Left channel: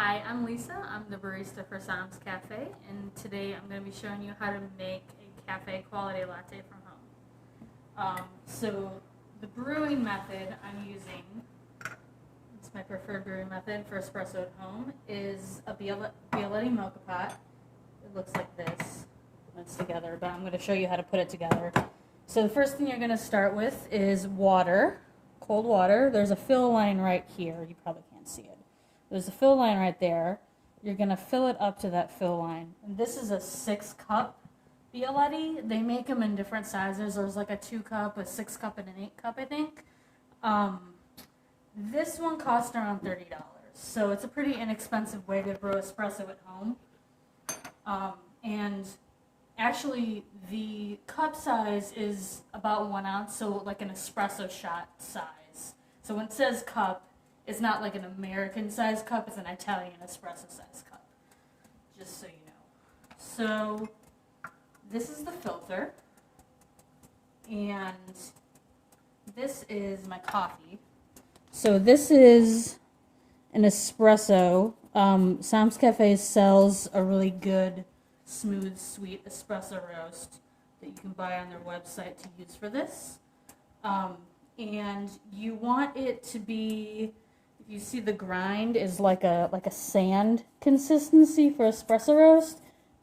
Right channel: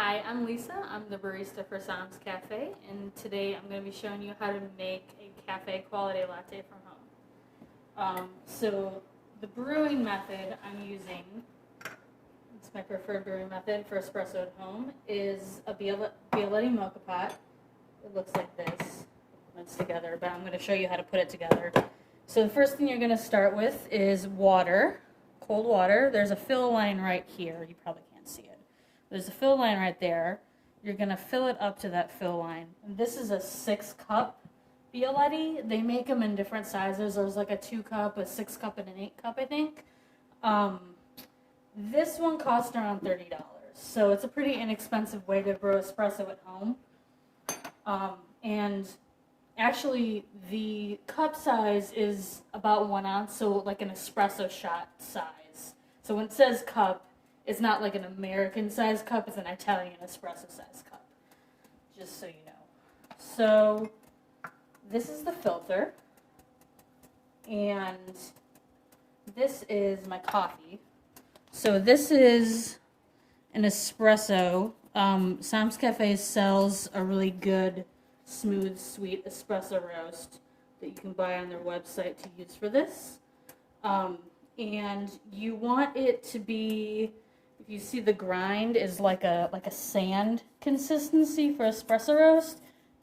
Hi, I'm Lisa. I'm the barista for Sam's Cafe, and today I'm going to be showing you how to make a cafe quality latte from home. So the brewing method I'm using, it's my preferred brewing method for espresso at home, is a Bialetti mocha pot. It looks like this when it's together, but I'm going to show you how to put it together. So the first thing you're going to start with is water, cold water. There's a fill line right here. You probably can't see it. There's a fill line right there. You're going to fill it up to that fill line. And this is a 6-cup Bialetti. They make them in different sizes. There's like a 2-cup, a 6-cup, and an 8-cup, I think. This one costs around $30. So it's a pretty inexpensive way to brew espresso at home. And actually, the cup size is about 1 ounce, so like an espresso shot size. So when it says cup, it's not like an American size cup, it's an Italian espresso size cup, just so you know. So this is the filter, and this is my coffee. So this is an espresso. Sam's Cafe sells a really good, smooth, sweet espresso roast that you can buy on their website to use for this. And you want it to be, you see the grind is like a sand consistency for espresso roast.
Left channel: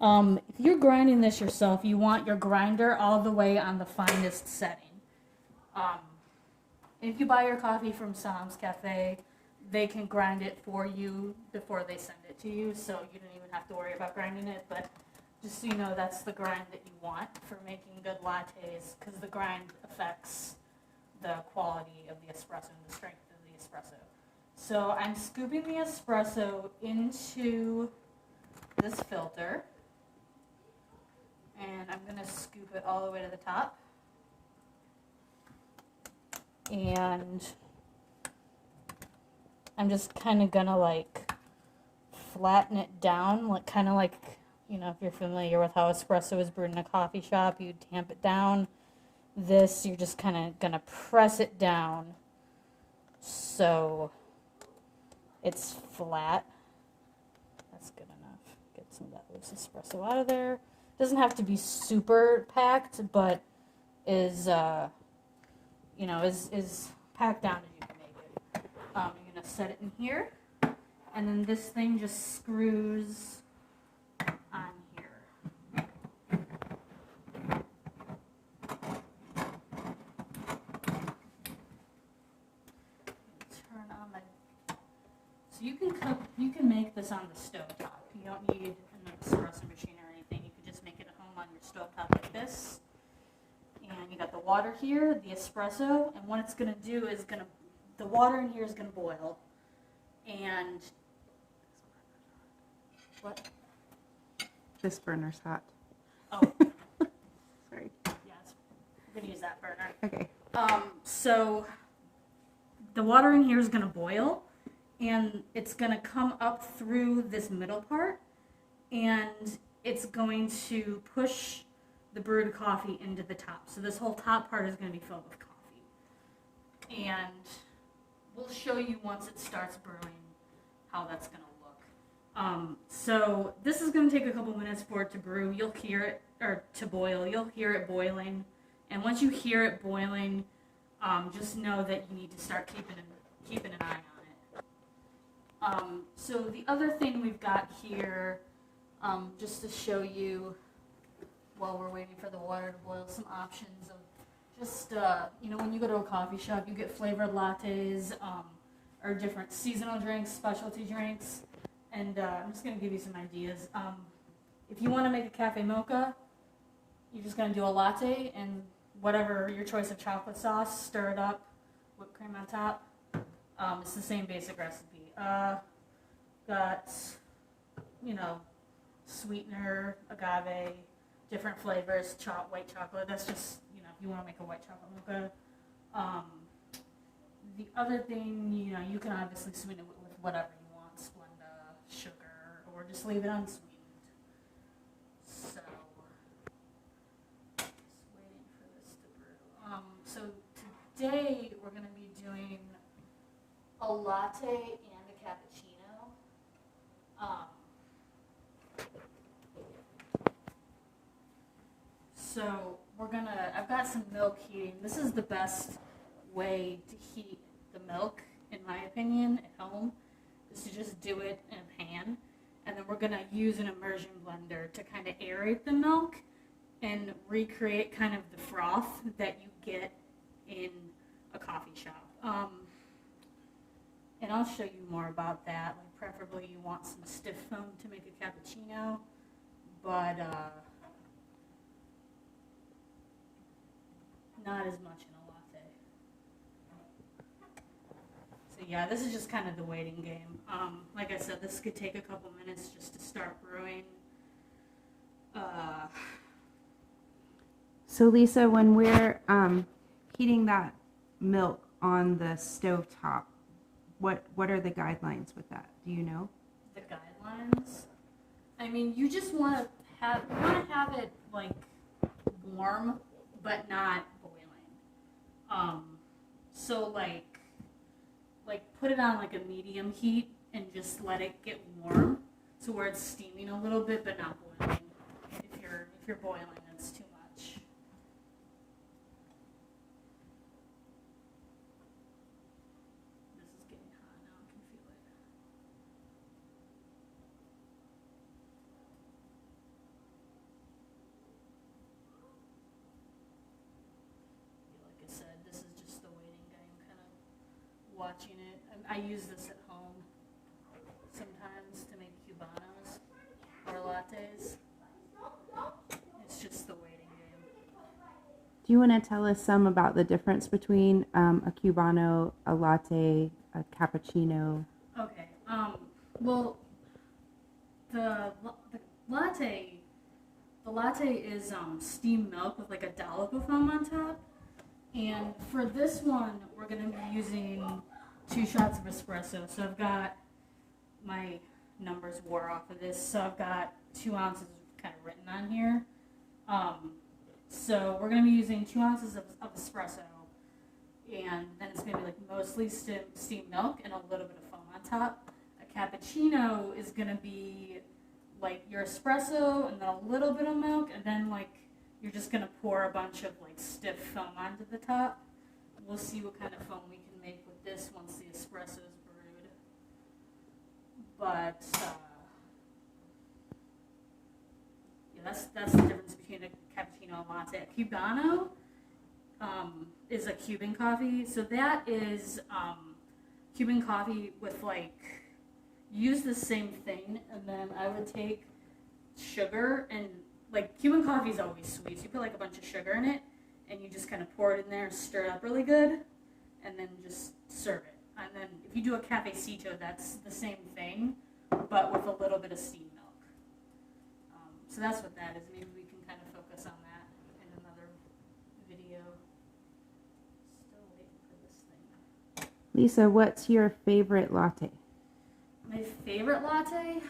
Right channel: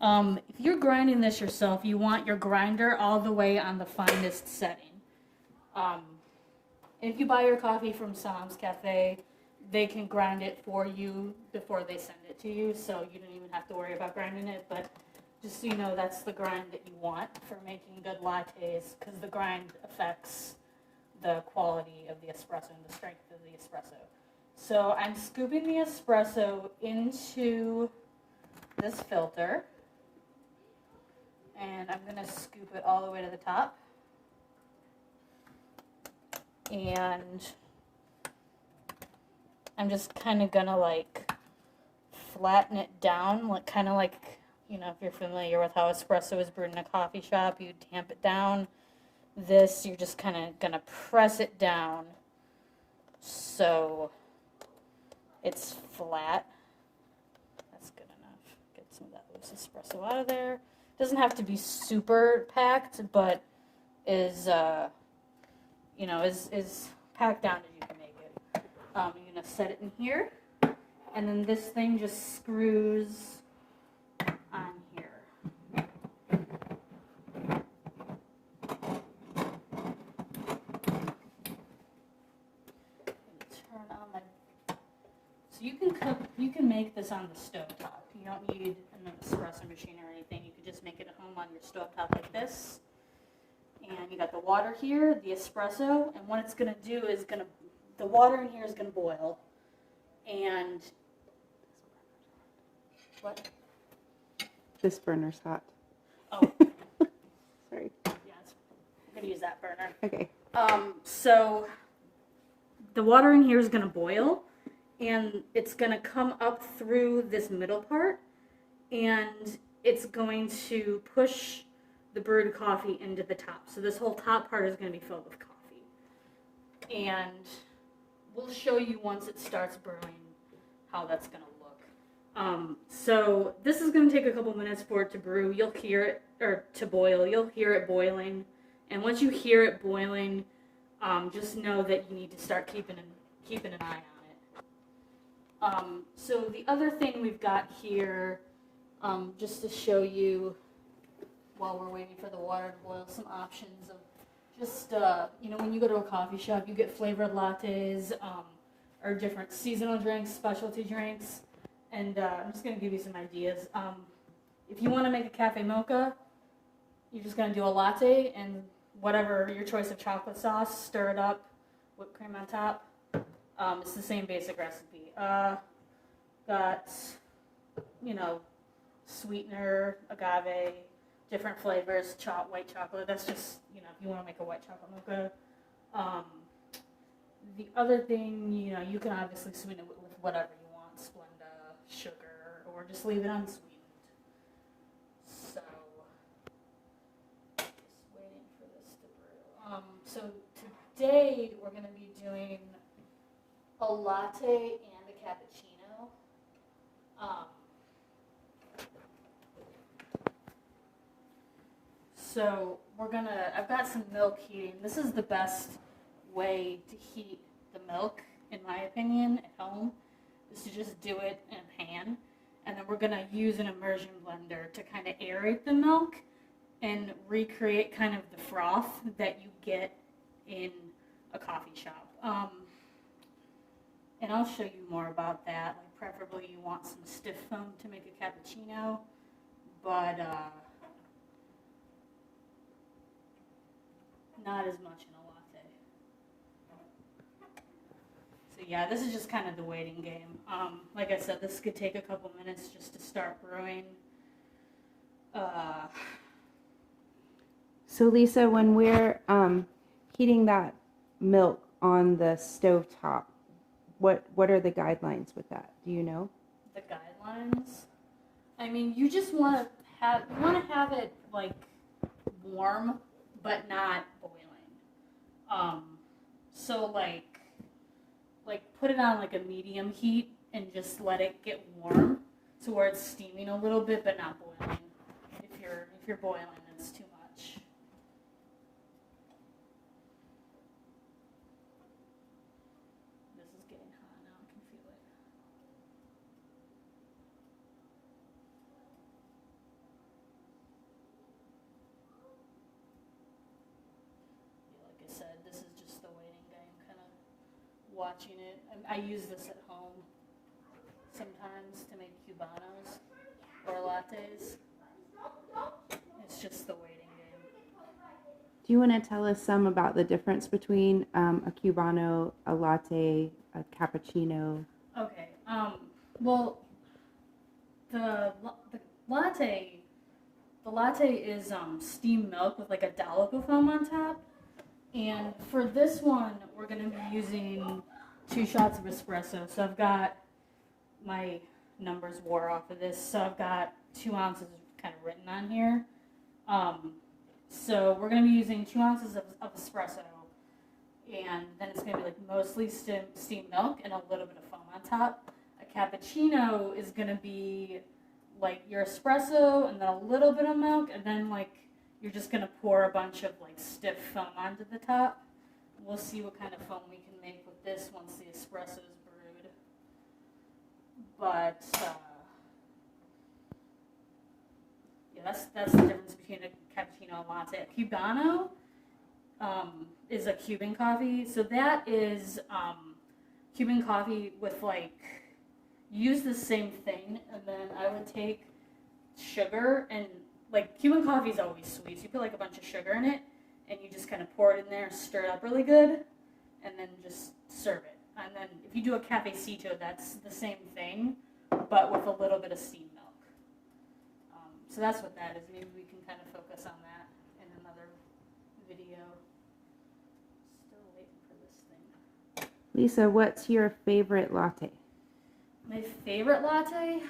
If you're grinding this yourself, you want your grinder all the way on the finest setting. If you buy your coffee from Sam's Cafe, they can grind it for you before they send it to you, so you don't even have to worry about grinding it. But just so you know, that's the grind that you want for making good lattes, because the grind affects the quality of the espresso and the strength of the espresso. So I'm scooping the espresso into this filter, and I'm going to scoop it all the way to the top. And I'm just kind of going to like flatten it down, like kind of like, you know, if you're familiar with how espresso is brewed in a coffee shop, you tamp it down. This, you're just kind of going to press it down so it's flat. That's good enough. Get some of that loose espresso out of there. Doesn't have to be super packed, but is you know, is packed down as you can make it. You're gonna set it in here, and then this thing just screws on here. Turn on my. So you can make this on the stovetop. You don't need an espresso machine or anything. You can just make it at home on your stovetop like this. And you got the water here, the espresso, and what it's going to do is the water in here is going to boil. And what? This burner's hot. Oh. Sorry. Yeah, I'm going to use that burner. Okay. So the water in here is going to boil, and it's going to come up through this middle part, and it's going to push the brewed coffee into the top. So this whole top part is going to be filled with coffee. And we'll show you once it starts brewing how that's going to look. So this is going to take a couple minutes for it to brew. You'll hear it, or to boil. You'll hear it boiling. And once you hear it boiling, just know that you need to start keeping an eye on it. So the other thing we've got here, just to show you while we're waiting for the water to boil, some options of just, you know, when you go to a coffee shop, you get flavored lattes, or different seasonal drinks, specialty drinks, and I'm just going to give you some ideas. If you want to make a cafe mocha, you're just going to do a latte and whatever your choice of chocolate sauce, stir it up, whipped cream on top. It's the same basic recipe. Got, you know, sweetener, agave, different flavors, white chocolate. That's just, you know, if you want to make a white chocolate mocha. The other thing, you know, you can obviously sweeten it with whatever you want, Splenda, sugar, or just leave it unsweetened. So, just waiting for this to brew. So today we're going to be doing a latte and a cappuccino. So I've got some milk heating. This is the best way to heat the milk, in my opinion, at home, is to just do it in a pan. And then we're gonna use an immersion blender to kind of aerate the milk and recreate kind of the froth that you get in a coffee shop. And I'll show you more about that. Like preferably you want some stiff foam to make a cappuccino, but not as much in a latte. So yeah, this is just kind of the waiting game. Like I said, this could take a couple minutes just to start brewing. So Lisa, when we're heating that milk on the stove top, what are the guidelines with that? Do you know? The guidelines? I mean, you just want to have it like warm, but not boiling. So like put it on like a medium heat and just let it get warm to where it's steaming a little bit, but not boiling. If you're boiling, it's too much. This is getting hot now. I can feel it. Like I said, this is just the waiting game, kind of watching it. I use this at home sometimes to make cubanos or lattes. It's just the waiting game. Do you want to tell us some about the difference between a cubano, a latte, a cappuccino? Okay. Well, the latte is steamed milk with like a dollop of foam on top. And for this one, we're going to be using 2 shots of espresso. So I've got, my numbers wore off of this, so I've got 2 ounces kind of written on here. So we're going to be using 2 ounces of espresso, and then it's going to be like mostly steamed milk and a little bit of foam on top. A cappuccino is going to be like your espresso and then a little bit of milk, and then like you're just going to pour a bunch of like stiff foam onto the top. We'll see what kind of foam we can make with this once the espresso is brewed. But yeah, that's the difference between a cappuccino and latte. A cubano is a Cuban coffee, so that is Cuban coffee with like, use the same thing, and then I would take sugar, and like Cuban coffee is always sweet, so you put like a bunch of sugar in it, and you just kind of pour it in there, stir it up really good, and then just serve it. And then if you do a cafecito, that's the same thing, but with a little bit of steamed milk. So that's what that is. Maybe we can kind of focus on that in another video. Still waiting for this thing. Lisa, what's your favorite latte? My favorite latte?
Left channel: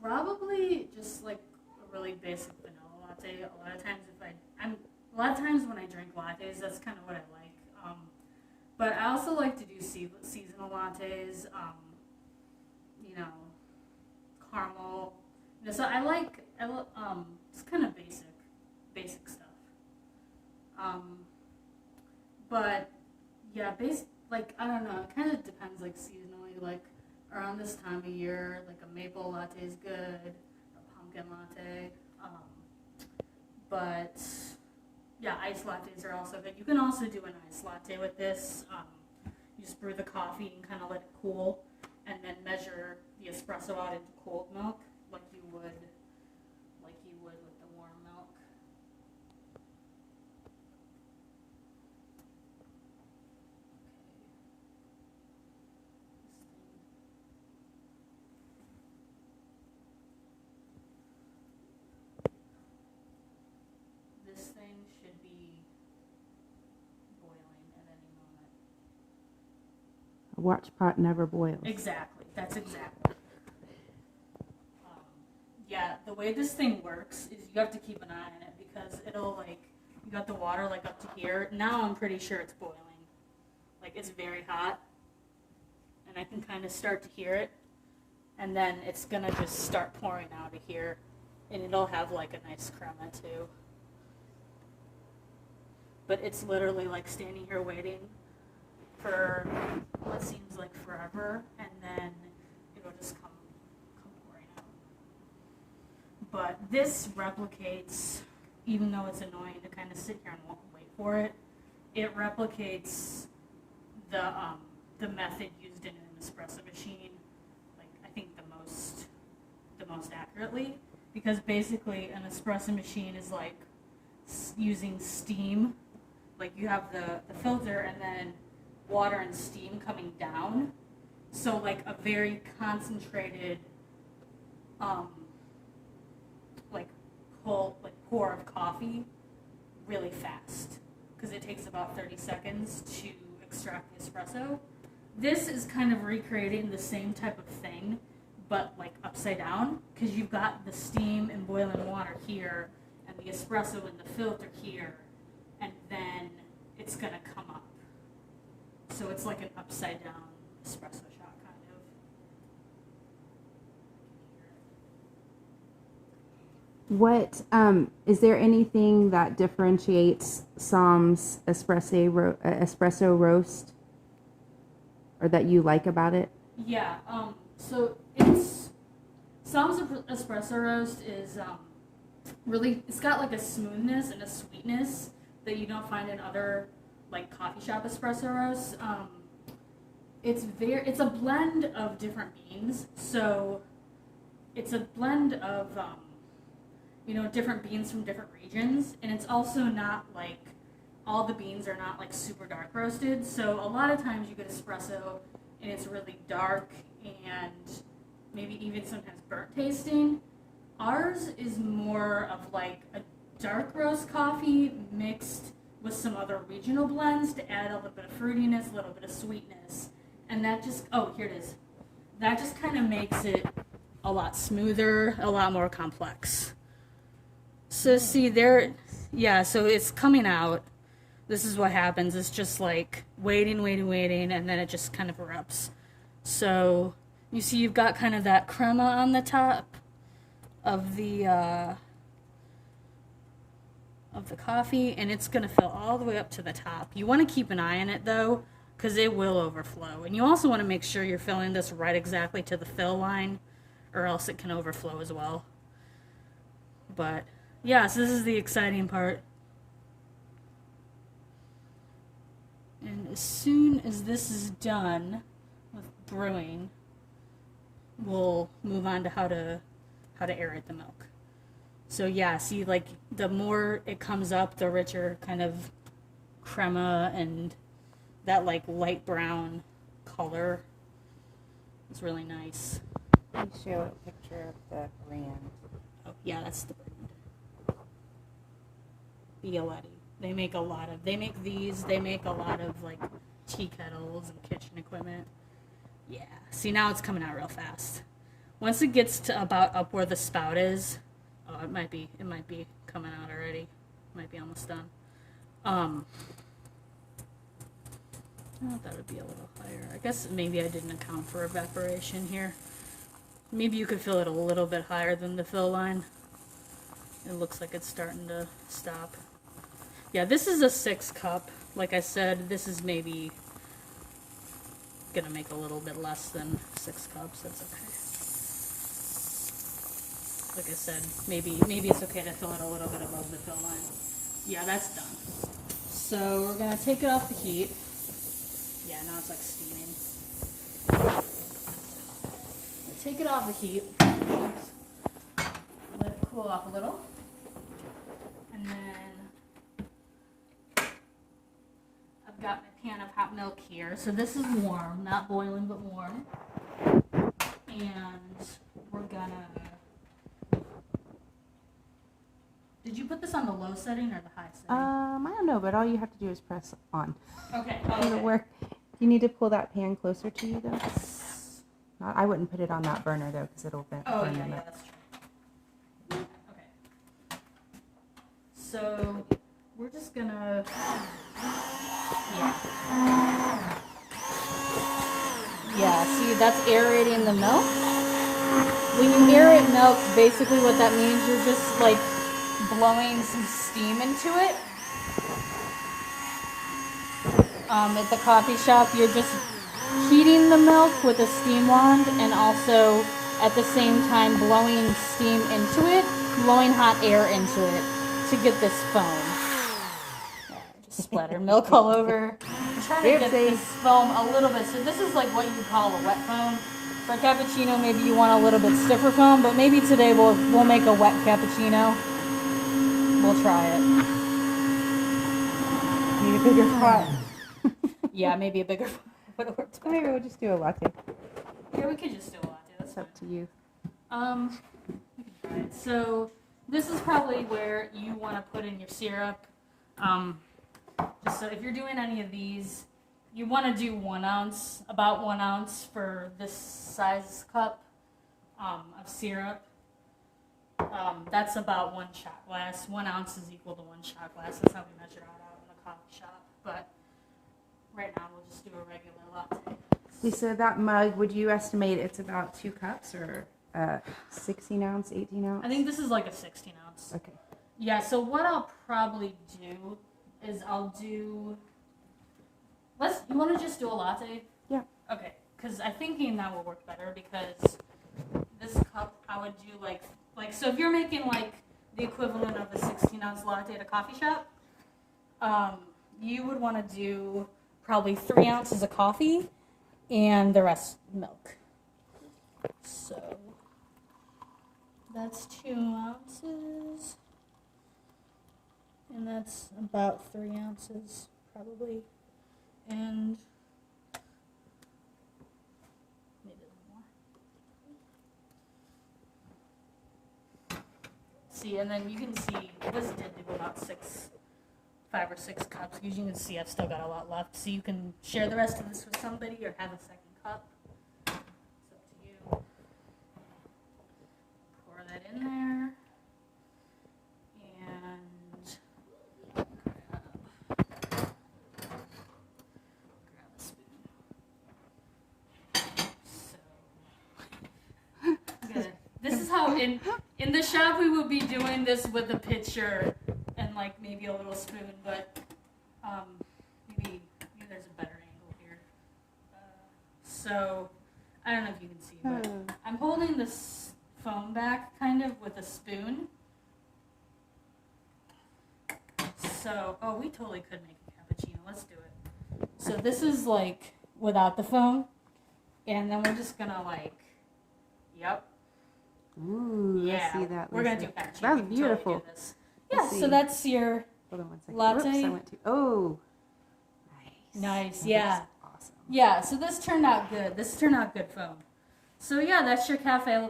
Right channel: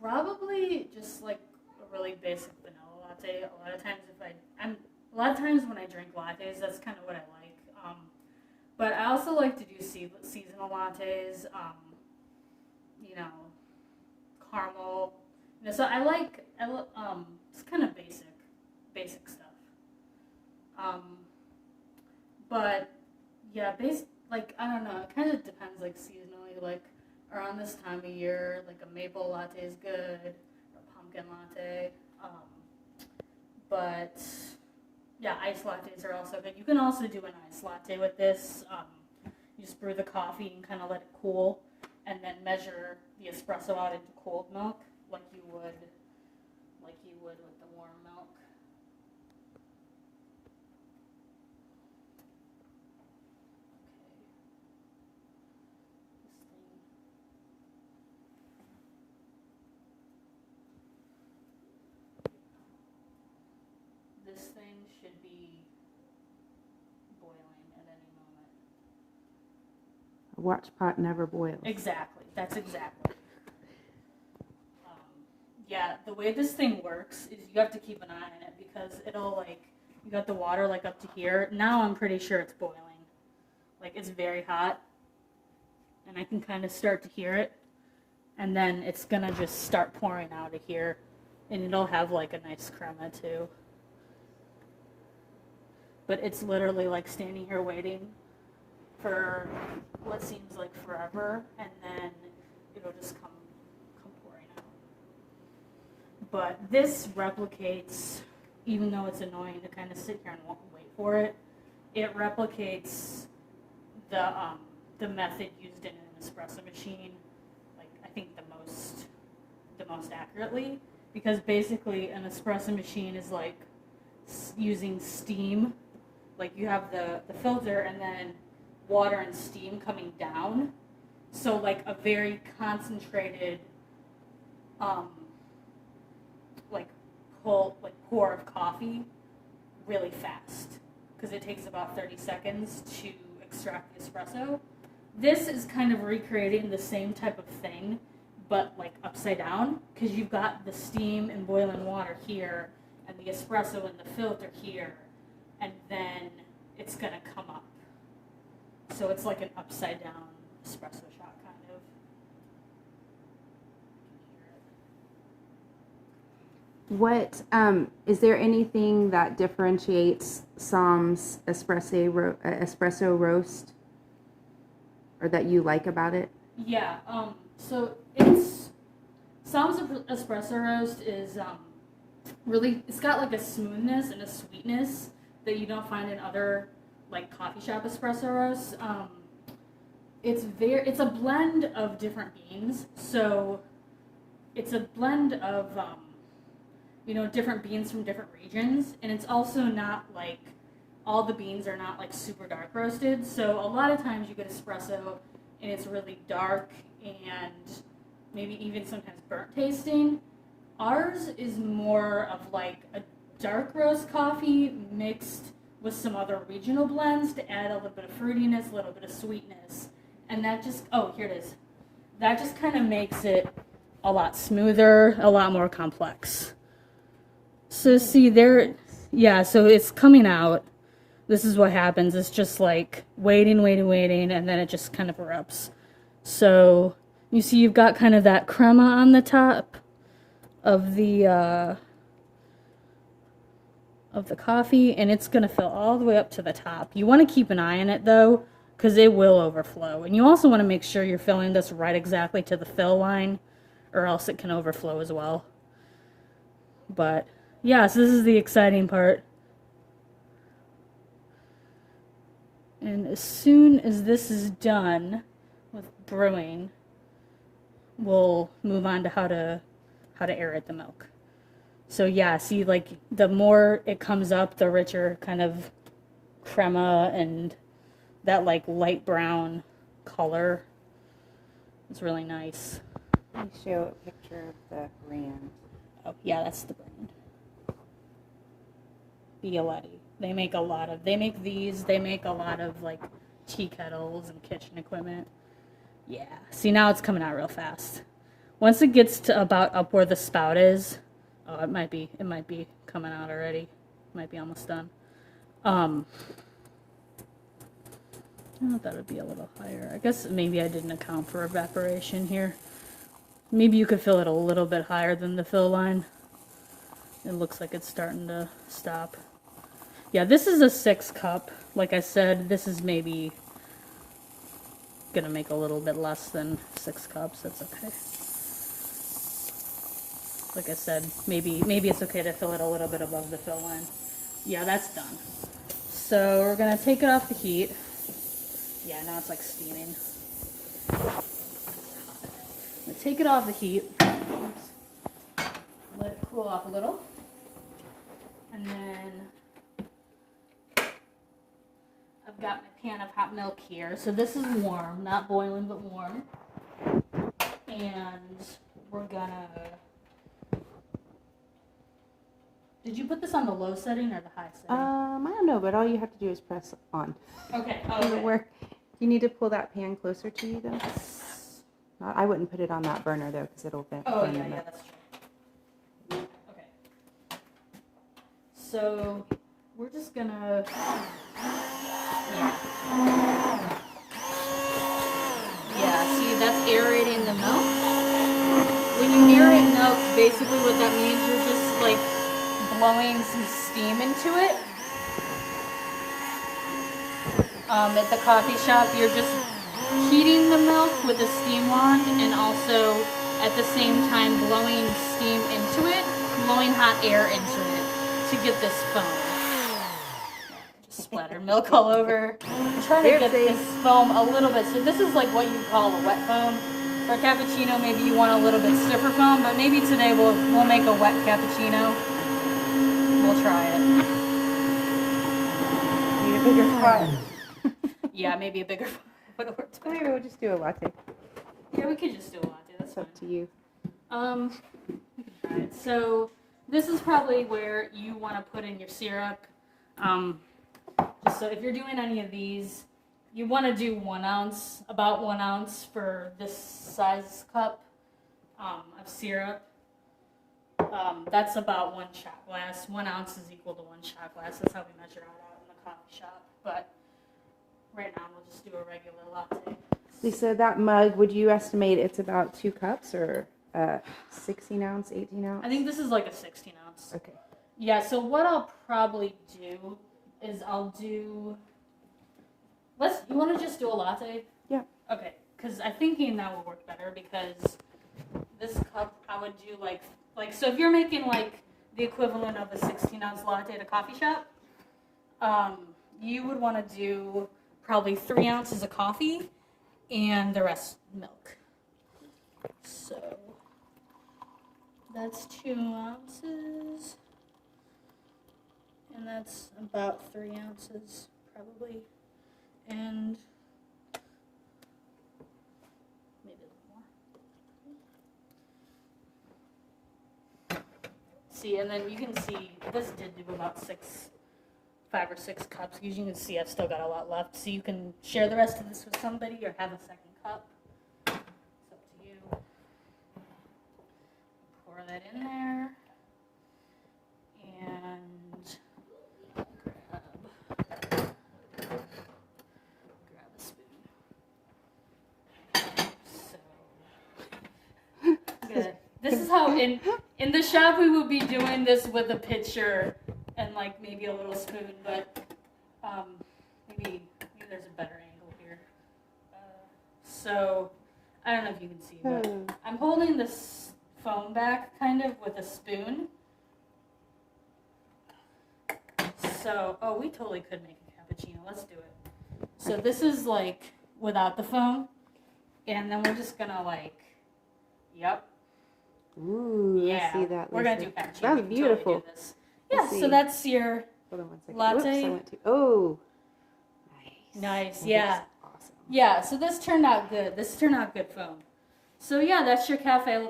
Probably just like a really basic vanilla latte. A lot of times when I drink lattes, that's kind of what I like. But I also like to do seasonal lattes. You know, caramel. You know, so I love it's kind of basic stuff. But yeah, like I don't know. It kind of depends, like seasonally, like. Around this time of year, like a maple latte is good, a pumpkin latte, but yeah, iced lattes are also good. You can also do an iced latte with this. You just brew the coffee and kind of let it cool, and then measure the espresso out into cold milk, like you would with the warm milk. This thing should be boiling at any moment. A watch pot never boils. Exactly. That's exactly. Yeah, the way this thing works is you have to keep an eye on it because it'll like, you got the water like up to here. Now I'm pretty sure it's boiling. Like it's very hot. And I can kind of start to hear it. And then it's gonna just start pouring out of here. And it'll have like a nice crema too. But it's literally like standing here waiting for what seems like forever, and then it'll just come pouring out. But this replicates, even though it's annoying to kind of sit here and wait for it, it replicates the method used in an espresso machine, like I think the most accurately, because basically an espresso machine is like using steam. Like you have the filter and then water and steam coming down. So like a very concentrated pour of coffee really fast, because it takes about 30 seconds to extract the espresso. This is kind of recreating the same type of thing, but like upside down, because you've got the steam and boiling water here and the espresso in the filter here, and then it's gonna come up. So it's like an upside down espresso shot, kind of. What is there anything that differentiates Sam's espresso roast, or that you like about it? Yeah. So it's Sam's espresso roast is really, it's got like a smoothness and a sweetness that you don't find in other like coffee shop espresso roasts. It's a blend of different beans. So it's a blend of different beans from different regions, and it's also not like all the beans are not like super dark roasted. So a lot of times you get espresso and it's really dark and maybe even sometimes burnt tasting. Ours is more of like a dark roast coffee mixed with some other regional blends to add a little bit of fruitiness, a little bit of sweetness. And that just, here it is. That just kind of makes it a lot smoother, a lot more complex. So see there, yeah, so it's coming out. This is what happens. It's just like waiting, and then it just kind of erupts. So you see you've got kind of that crema on the top of the coffee, and it's going to fill all the way up to the top. You want to keep an eye on it though, because it will overflow. And you also want to make sure you're filling this right exactly to the fill line, or else it can overflow as well. But yeah, so this is the exciting part. And as soon as this is done with brewing, we'll move on to how to aerate the milk. So yeah, see, like the more it comes up, the richer kind of crema and that like light brown color. It's really nice. Let me show a picture of the brand. Oh yeah, that's the brand. Latte. They make a lot of like tea kettles and kitchen equipment. Yeah. See, now it's coming out real fast. Once it gets to about up where the spout is, it might be coming out already. It might be almost done. I thought it would be a little higher. I guess maybe I didn't account for evaporation here. Maybe you could fill it a little bit higher than the fill line. It looks like it's starting to stop. Yeah, this is a 6 cup. Like I said, this is maybe gonna make a little bit less than 6 cups. That's okay. Like I said, maybe it's okay to fill it a little bit above the fill line. Yeah, that's done. So we're gonna take it off the heat. Yeah, now it's like steaming. Take it off the heat. Let it cool off a little. And then I've got my pan of hot milk here. So this is warm, not boiling, but warm. And we're gonna... Did you put this on the low setting or the high setting? I don't know, but all you have to do is press on. Okay. It'll work. You need to pull that pan closer to you, though. I wouldn't put it on that burner, though, because it'll burn the milk. That's true. Okay. So we're just gonna... Yeah, see, that's aerating the milk. When you aerate milk, basically what that means, you're just like blowing some steam into it. At the coffee shop, you're just heating the milk with a steam wand and also at the same time blowing steam into it, blowing hot air into it to get this foam. Just splatter milk all over. I'm trying to get this foam a little bit. So this is like what you call a wet foam. For a cappuccino, maybe you want a little bit stiffer foam, but maybe today we'll make a wet cappuccino. We'll try it. Need a bigger pot. Yeah, maybe a bigger foam. Maybe we'll just do a latte. Yeah, we could just do a latte. That's It's up to you. Alright, so this is probably where you want to put in your syrup. Just so if you're doing any of these, you want to do 1 ounce, about 1 ounce for this size cup of syrup. That's about 1 shot glass. 1 ounce is equal to 1 shot glass. That's how we measure it out in the coffee shop. But right now we'll just do a regular latte. Lisa, that mug, would you estimate it's about 2 cups or 16 ounce, 18 ounce? I think this is like a 16 ounce. Okay. Yeah, so what I'll probably do is I'll do... You want to just do a latte? Yeah. Okay, because I'm thinking that will work better because this cup I would do like so if you're making like the equivalent of a 16 ounce latte at a coffee shop, you would want to do probably 3 ounces of coffee and the rest milk. So that's 2 ounces and that's about 3 ounces probably. And maybe a little more. See, and then you can see this did do about 5 or 6 cups. Because you can see I've still got a lot left. So you can share the rest of this with somebody or have a second cup. It's up to you. Pour that in there. And this is how in the shop we would be doing this with a pitcher and like maybe a little spoon, but maybe there's a better angle here. So I don't know if you can see, but I'm holding this foam back kind of with a spoon. So we totally could make a cappuccino. Let's do it. So this is like without the foam, and then we're just gonna like, yep. Ooh, Yeah, let's see that. we're gonna do cappuccino. That's beautiful. Totally this. Yeah, so that's your Hold on 1 second. latte. Whoops, I went to. Oh, nice. That Yeah, is awesome. yeah. So this turned out good. This turned out good foam. So yeah, that's your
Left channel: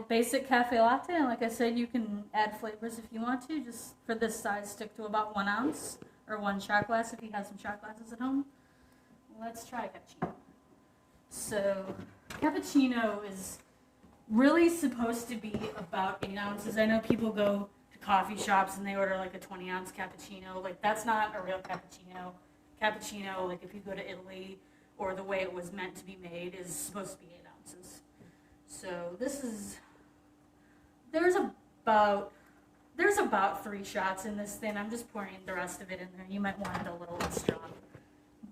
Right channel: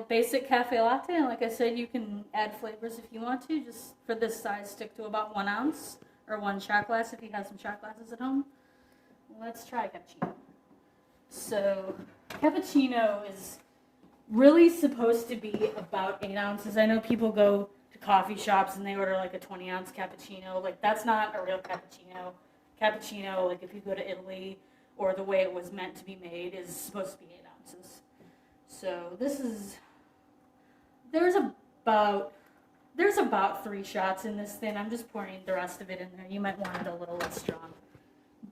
basic cafe latte. And like I said, you can add flavors if you want to. Just for this size, stick to about 1 ounce or 1 shot glass if you have some shot glasses at home. Let's try cappuccino. So cappuccino is really supposed to be about 8 ounces. I know people go to coffee shops and they order like a 20 ounce cappuccino. Like that's not a real cappuccino. Cappuccino, like if you go to Italy or the way it was meant to be made, is supposed to be 8 ounces. So this is, there's about 3 shots in this thing. I'm just pouring the rest of it in there. You might want it a little less strong.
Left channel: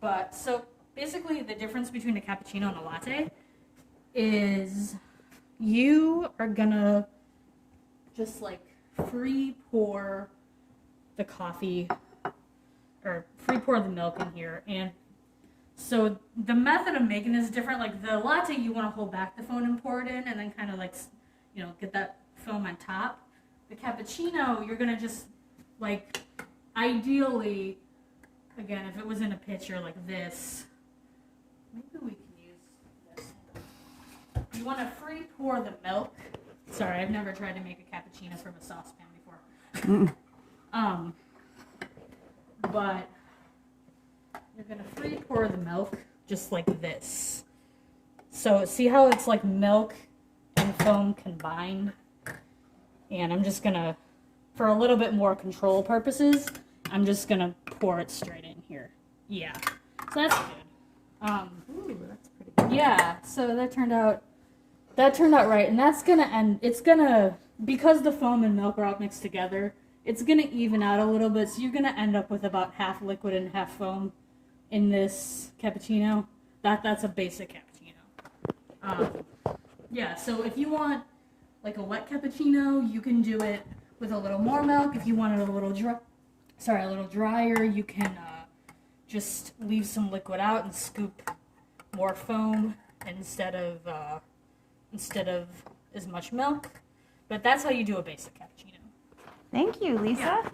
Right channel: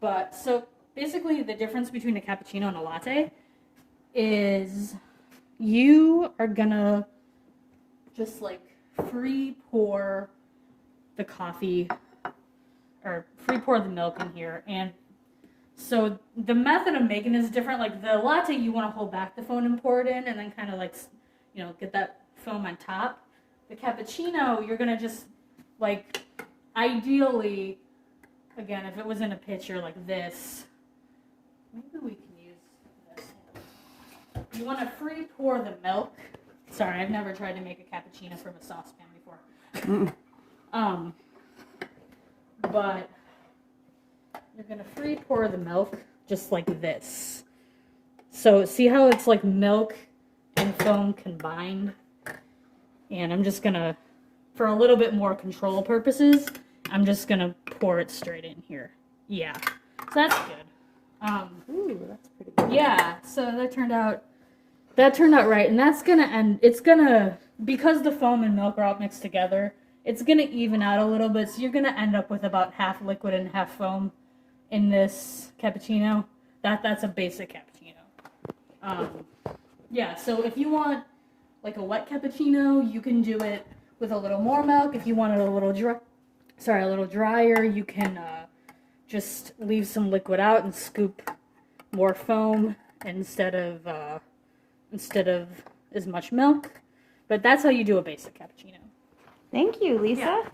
But so basically the difference between a cappuccino and a latte is you are gonna just like free pour the coffee or free pour the milk in here. And so the method of making is different. Like the latte, you want to hold back the foam and pour it in and then kind of like, get that foam on top. The cappuccino, you're gonna just like, ideally, again, if it was in a pitcher like this, maybe we can use this. You want to free pour the milk. Sorry, I've never tried to make a cappuccino from a saucepan before. But you're going to free pour the milk just like this. So see how it's like milk and foam combined? And I'm just going to, for a little bit more control purposes, I'm just going to pour it straight in here. Yeah, so that's good. Ooh, that's pretty good. Yeah, so that turned out That turned out right, and that's gonna end. It's gonna, because the foam and milk are all mixed together, it's gonna even out a little bit. So you're gonna end up with about half liquid and half foam in this cappuccino. That's a basic cappuccino. Yeah. So if you want like a wet cappuccino, you can do it with a little more milk. If you want it a little a little drier, you can just leave some liquid out and scoop more foam instead of as much milk. But that's how you do a basic cappuccino. Thank you, Lisa. Yeah.